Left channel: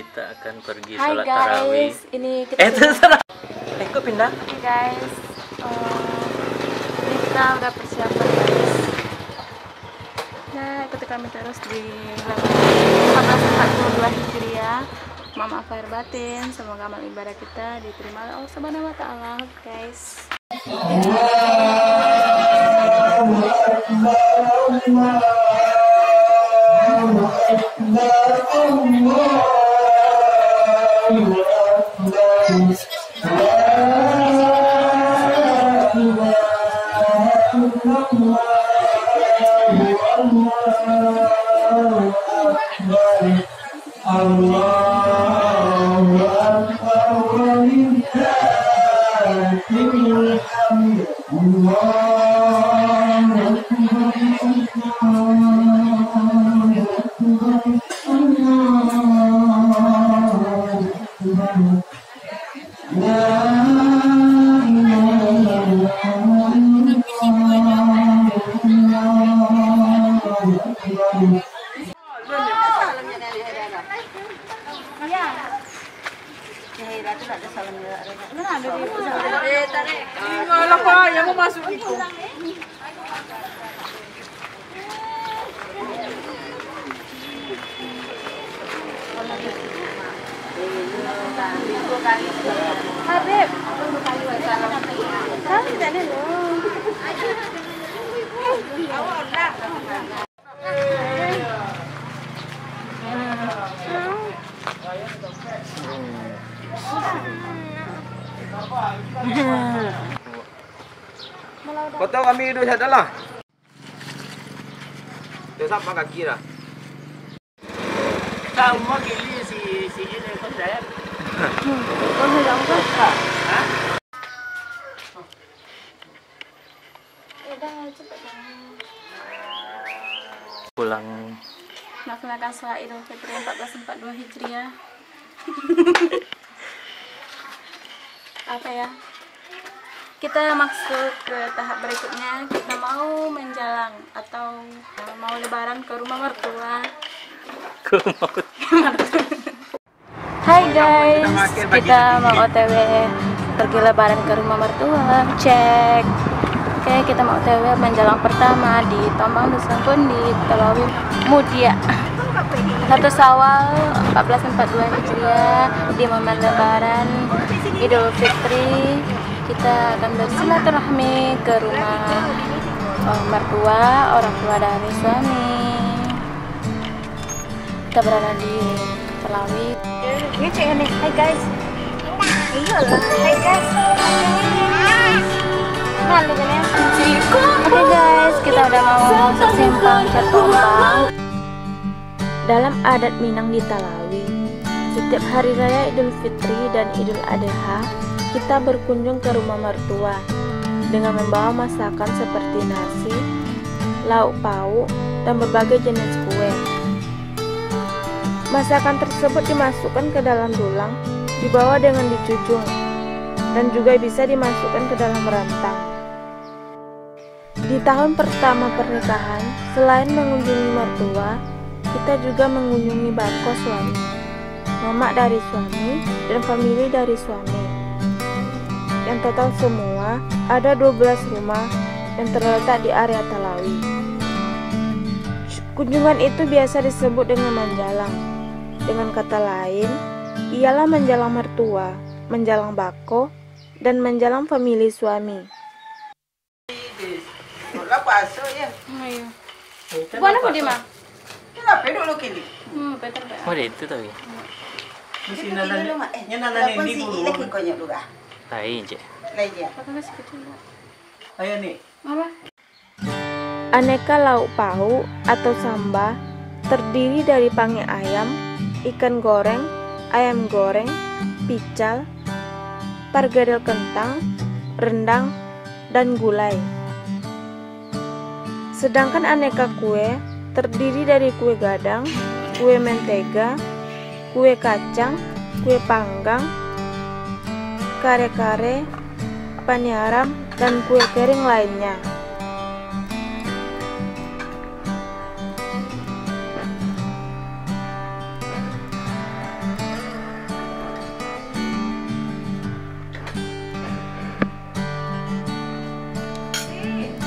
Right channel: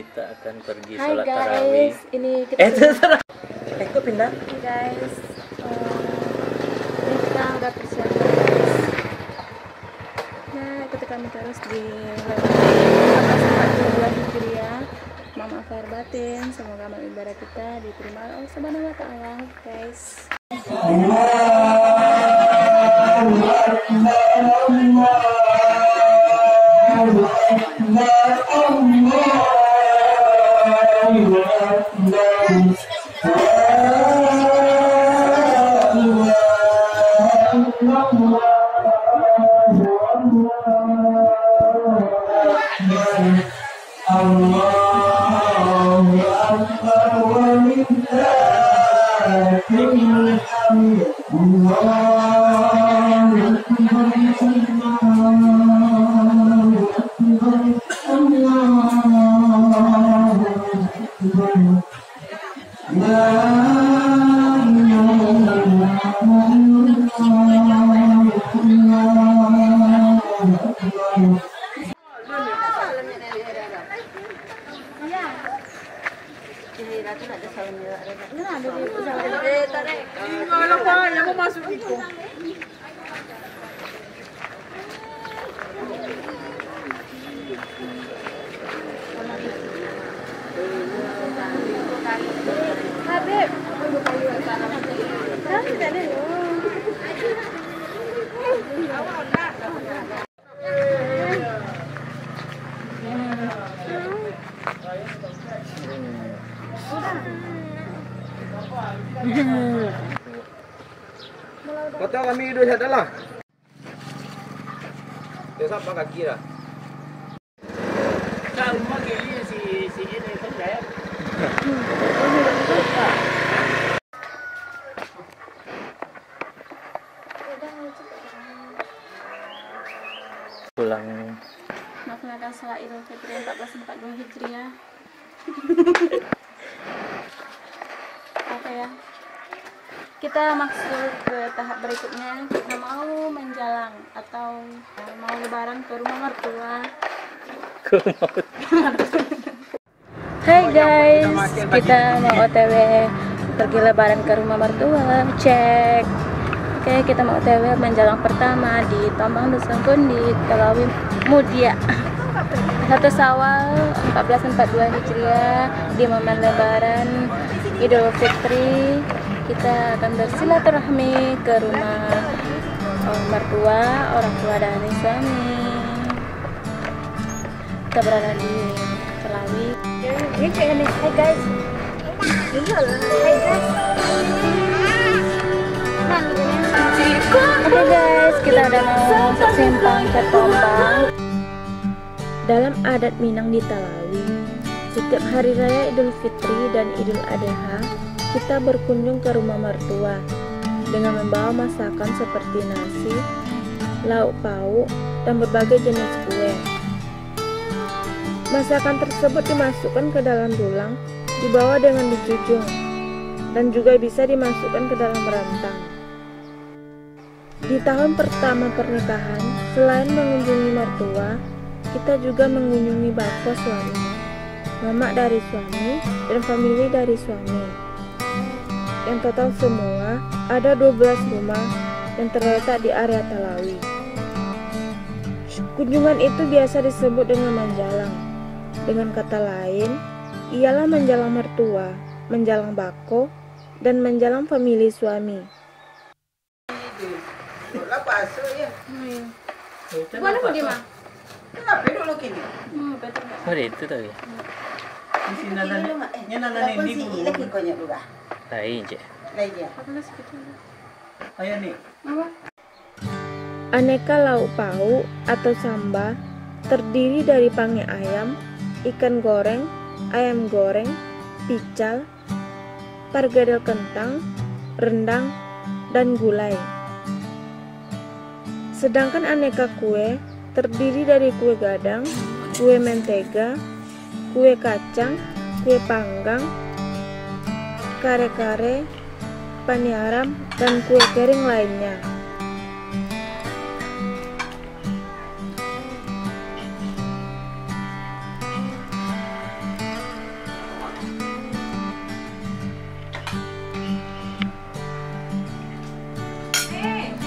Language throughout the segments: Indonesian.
kita akan pergi Hai sholat tarawih. guys, ini kita Terserah. Kok pindah? Hai guys, ini kita udah persiapan guys. Nah, ikuti kami terus di 1442 Hijriah. Maaf lahir batin, semoga amal ibadah kita diterima oleh Allah Subhanahu wa taala, guys. Habib, Foto kami duduk sana lah. Terus apa kaki dah? Kau mau gili si ini kau saya. Pulang melaksanakan sholat Idul Fitri 1442 Hijriah. Apa ya? Kita maksud ke tahap berikutnya, kita mau menjalang atau mau lebaran ke rumah mertua. Hai guys, kita mau OTW pergi lebaran ke rumah mertua. Cek. Oke, kita mau OTW menjalang pertama di Tombang Dusun Kundi, Talawi Mudia. 1 Syawal 1442 Hijriah, di momen lebaran Idul Fitri. Kita akan bersilaturahmi ke rumah mertua, orang tua dari suami. Kita berada di Talawi. Ini cek nih, hai guys. Iyalah, hai guys. Oke guys, kita udah mau ke simpang Cat Tombang. Dalam adat Minang di Talawi, setiap hari raya Idul Fitri dan Idul Adha, kita berkunjung ke rumah mertua dengan membawa masakan seperti nasi, lauk pauk, dan berbagai jenis kue. Masakan tersebut dimasukkan ke dalam dulang, dibawa dengan dijujung, dan juga bisa dimasukkan ke dalam rantang. Di tahun pertama pernikahan, selain mengunjungi mertua, kita juga mengunjungi bako suami, mama dari suami, dan famili dari suami. Yang total semua ada 12 rumah yang terletak di area Talawi. Kunjungan itu biasa disebut dengan menjalang. Dengan kata lain, ialah menjalang mertua, menjalang bako, dan menjalang famili suami. Bukan apa di mana? Kenapa dulu kini? Betul. Oh, itu tadi. Di sini nana ini dulu. Lagi konya dulu ah. Lain je. Lagi ya. Ayo nih. Apa? Aneka lauk pauk atau samba terdiri dari pange ayam, ikan goreng, ayam goreng, pical, pargadel kentang, rendang, dan gulai. Sedangkan aneka kue terdiri dari kue gadang, kue mentega, kue kacang, kue panggang, kare-kare, paniaram, dan kue kering lainnya.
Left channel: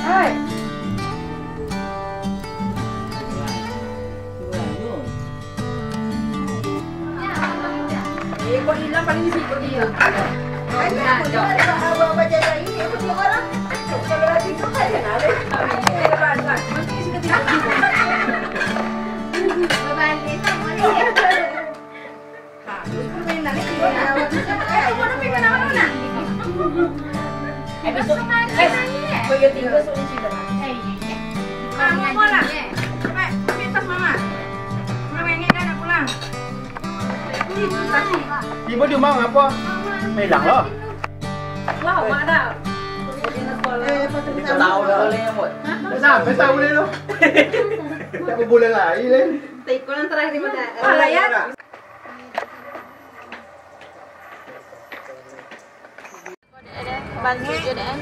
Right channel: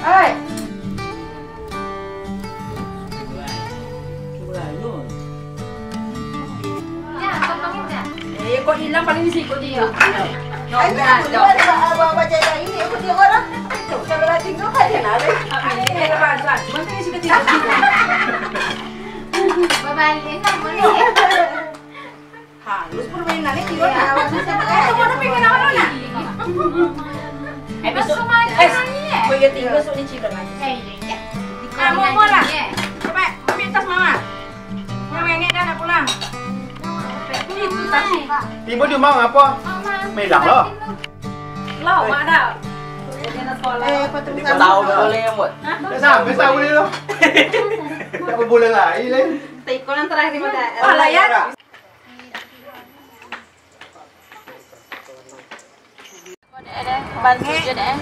Hai. Kok hilang paling sih kok dia. Aku bawa baca ini, aku dia orang. Kalau lagi kau kan dia nale. Ini lepas. Mantap sih ketiga. Babalik kamu nih. Harus permainan ini juga. Aku mau pengen apa nak? Besok gue ganti besok di Cibang. Kamu mau lah. Coba ambil tas mama. Mama ini dah nak pulang. Ibu di mau apa? Melang loh. Lau mak dah. Tahu boleh yang buat. Sampai tahu ni loh. Apa boleh lagi leh? Tikonan terakhir di mana? Alah ya. Bantu je deh.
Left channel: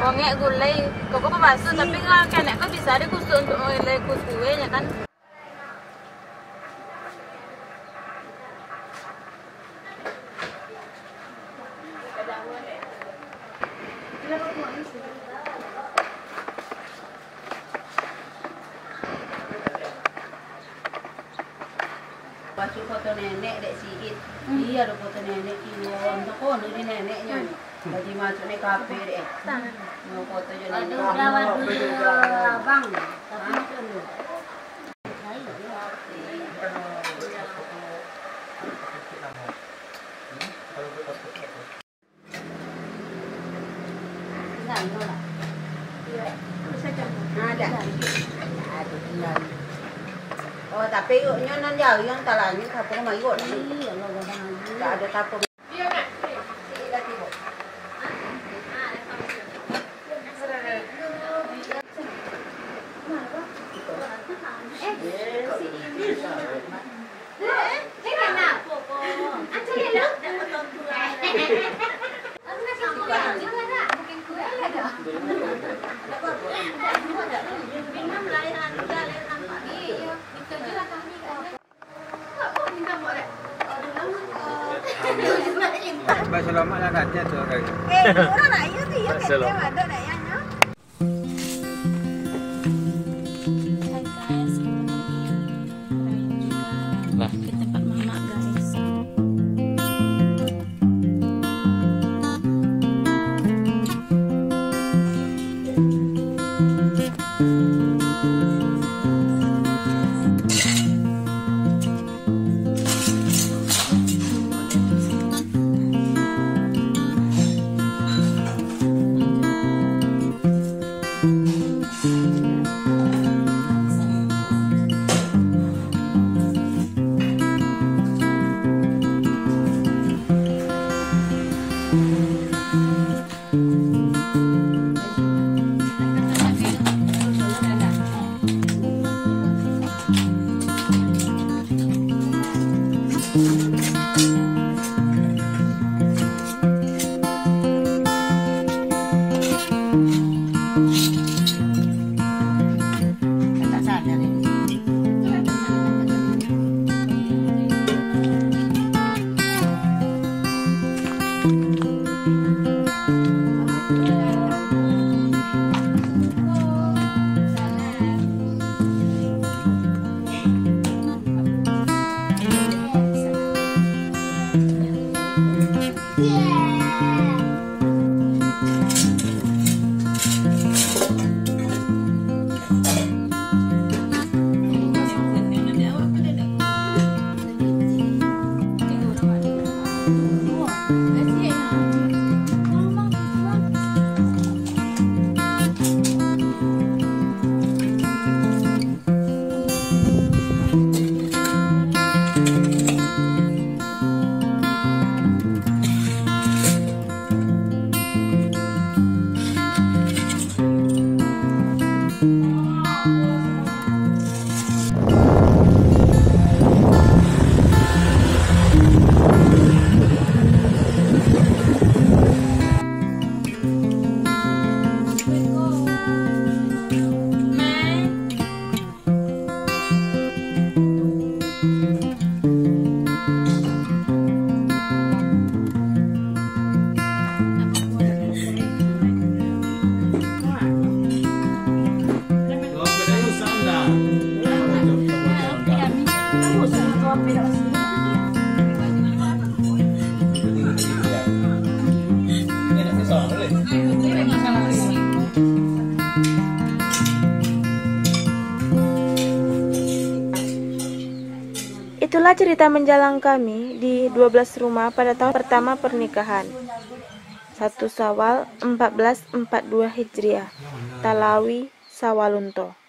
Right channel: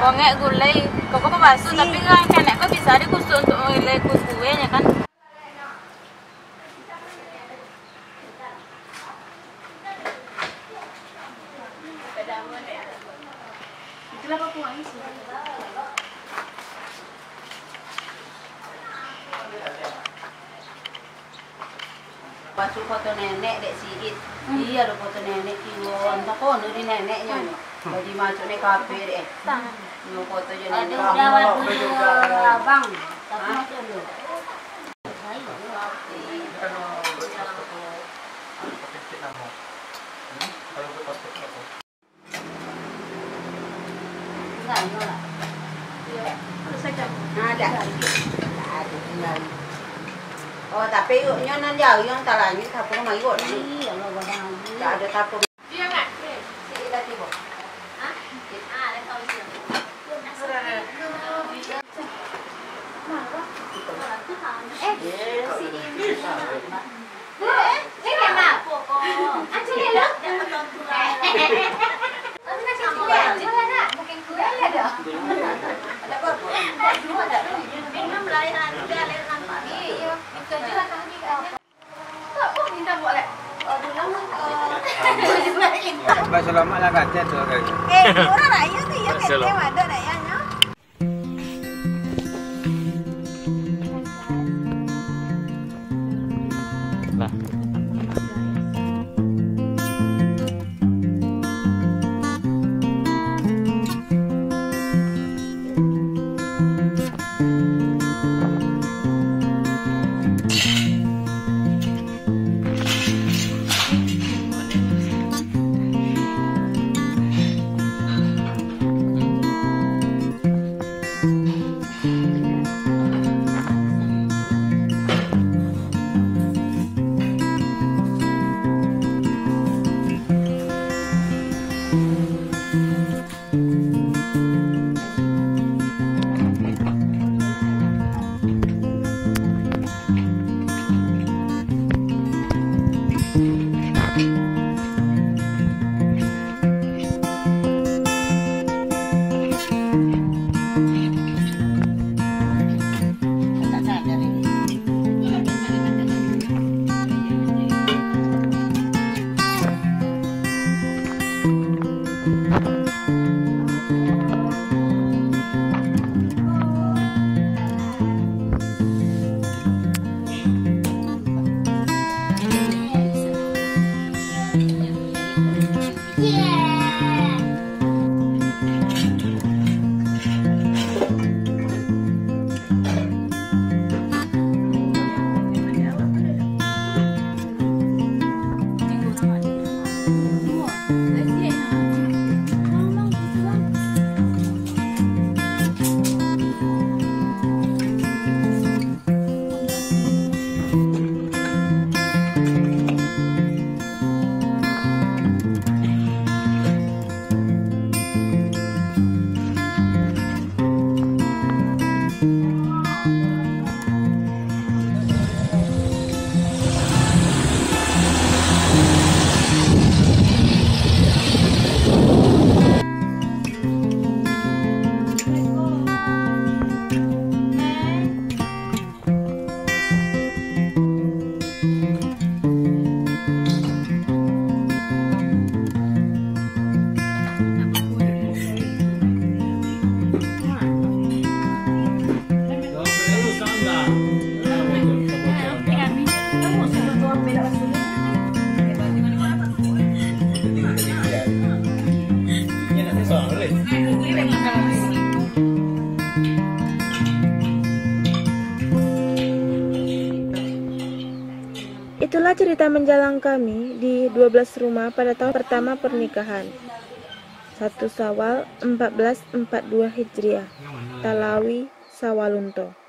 Bongek gulai. Kau kok masuk tapi kan kanek kau bisa dikusuk untuk menilai kusuenya kan. Pasal foto nenek dek siit. Iya ada foto nenek kiwon. Tak kau di neneknya. Jadi masuk ni kafe dek. Mau foto je nenek. Abang. Ada. Oh tapi nyo nan jauh yang talangin kapung mai got. Iya, tak ada tapung. Iya nak. Sila tibo. Bahasa lama lah kata tu kan. Orang nak ya tu ya kan ada nak ya nya. Hai guys, kita lagi raya juga Lah. ke tempat mama guys. Tak sadar ini. saan dah? Kebocoran dah. Itu tinggal tadi pial. Ini anaknya seorang boleh. Itulah cerita menjalang kami di 12 rumah pada tahun pertama pernikahan. 1 Syawal 1442 Hijriah, Talawi Sawalunto.